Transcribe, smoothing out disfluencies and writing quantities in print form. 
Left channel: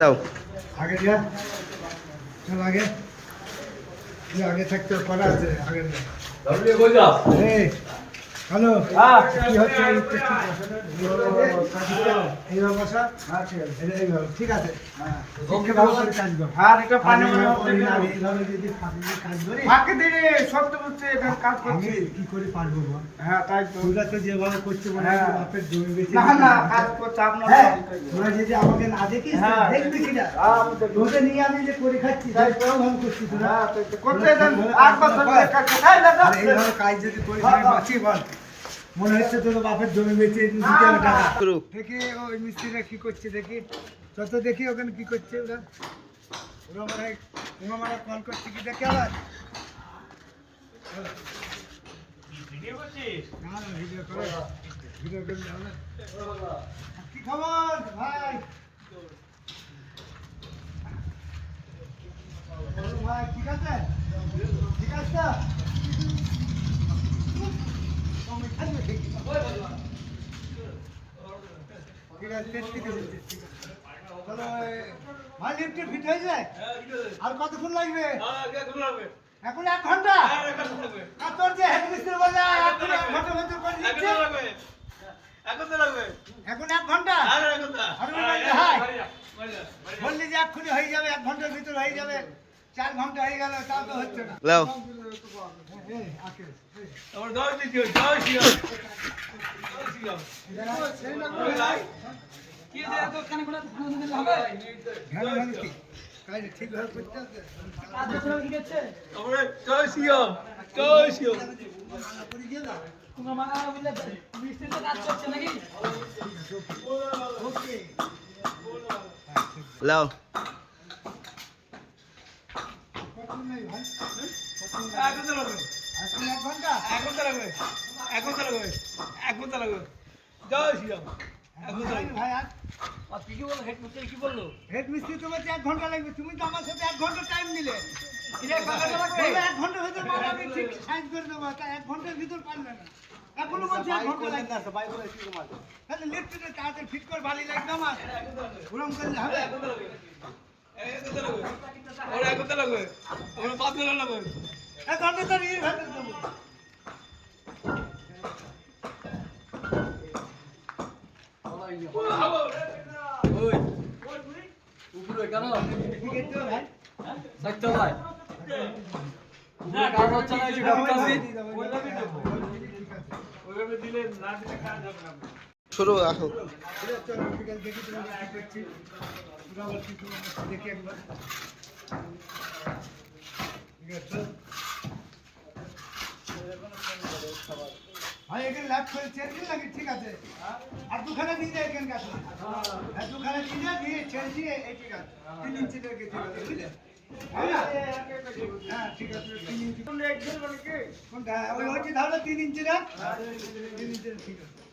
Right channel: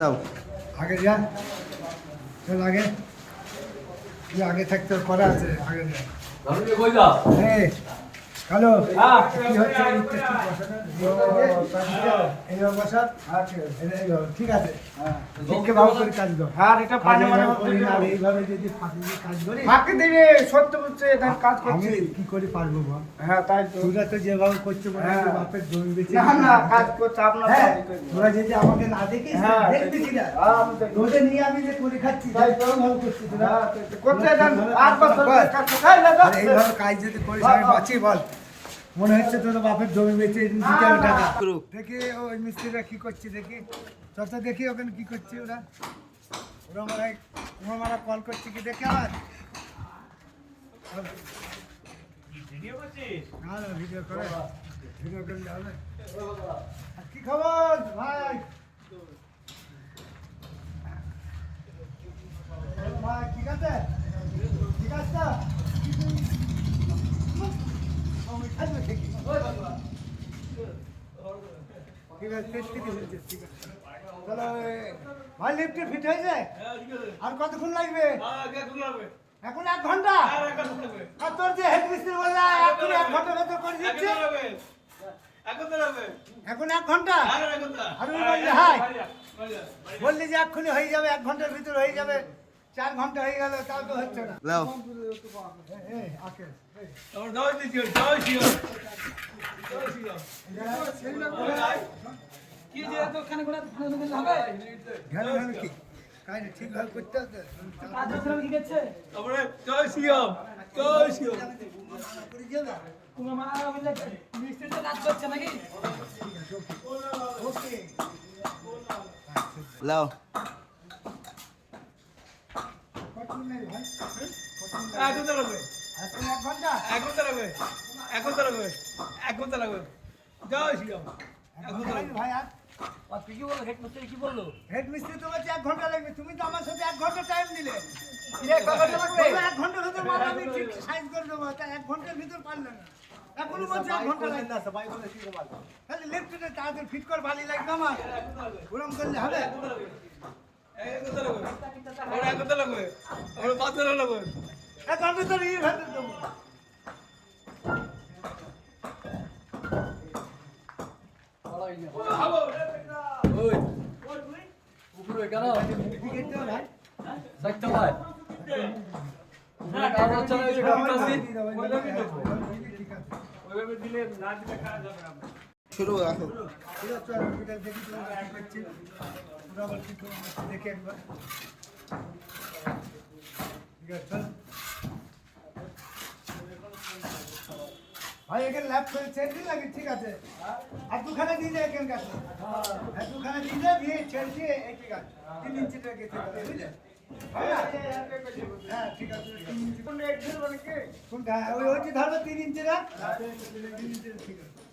দাও আগে যা চল আগে তুই আগে থাকতে করা আছে আগে যা হ্যালো কি হচ্ছে এইবার বসা ঠিক আছে ভালো করে কাজ কর এইভাবে যদি কাজ করি ফাঁকে দিলে সত্য করছে কাজ করছি কি করে পারবো বল হ্যাঁ তাই তো তোরা তো যেভাবে করছে বলে বাপের জমি বেঁচে না কাজ করতে আপনার তোরা যদি আমাকে না দেখিস দেখবি কিনা তোদের নিয়ে আমি যে করে খাচ্ছি তাই ভালো করছি তোরা করতে দেন এইভাবে কাজ যদি করিস আমি বাঁচি বল মনে হচ্ছে তোর বাপের জমি বেঁচে দিতে আমি টাকা দেখি ওই মিস্ত্রিরা কি করছে দেখি তত দেখি ওখানে কি করছে ওরা ওরা মারা কল করছে কি দেখে আবার না না ভিডিও করে ভিডিও করলে হবে কি খবর ভাই ভাই ঠিক আছে ঠিক আছে ঠিক আছে চলো ভাই লিফটে ফিট হয়েছে আর কতক্ষণ লাগবে এখন 1 ঘন্টা আর তোর যে হেড মিস্ত্রি বললে এখন 1 ঘন্টার ভেতর করে দিচ্ছে এখন 1 ঘন্টা আর হ্যাঁ বললি যে এক্ষুনি হয়ে যাবে 1 ঘন্টার ভিতর হয়ে যাবে 4 ঘন্টা হয়ে গেল তাও তো হচ্ছে না লাও ঠিকভাবে করতে হবে লাও হেড মিস্ত্রি তো বলছে 1 ঘন্টা লাগবে তুমি তো আমার সাথে 1 ঘন্টা টাইম নিলে 1 ঘন্টার ভিতর আমি ঠিক সাইজ করে দেবো 1 ঘন্টার ভিতর পারলে না এখনো বলছে 1 ঘন্টা লাগবে না সবাই করে ঠিক আছে তাহলে লিফটে তাড়াতাড়ি ফিট কর ভালো লাগবে আমার ওরকম করলে হবে ছোট রাখো ভাই এখানে ল্যাপ করে চেঞ্জ লাগে ঠিক আছে আর দুখানা নিয়ে যায় এখানে কাছে আর দুখানা নিয়ে যায় দিয়ে চেঞ্জ দিয়ে ঠিক আছে 3 ইঞ্চি থেকে ঠিক আছে বুঝলে হ্যাঁ ঠিক আছে 3 ইঞ্চি কোন এক ধরবে নাকি কোনটা ওই হচ্ছে ধারা 3 ইঞ্চি না 3 ইঞ্চি ঠিক আছে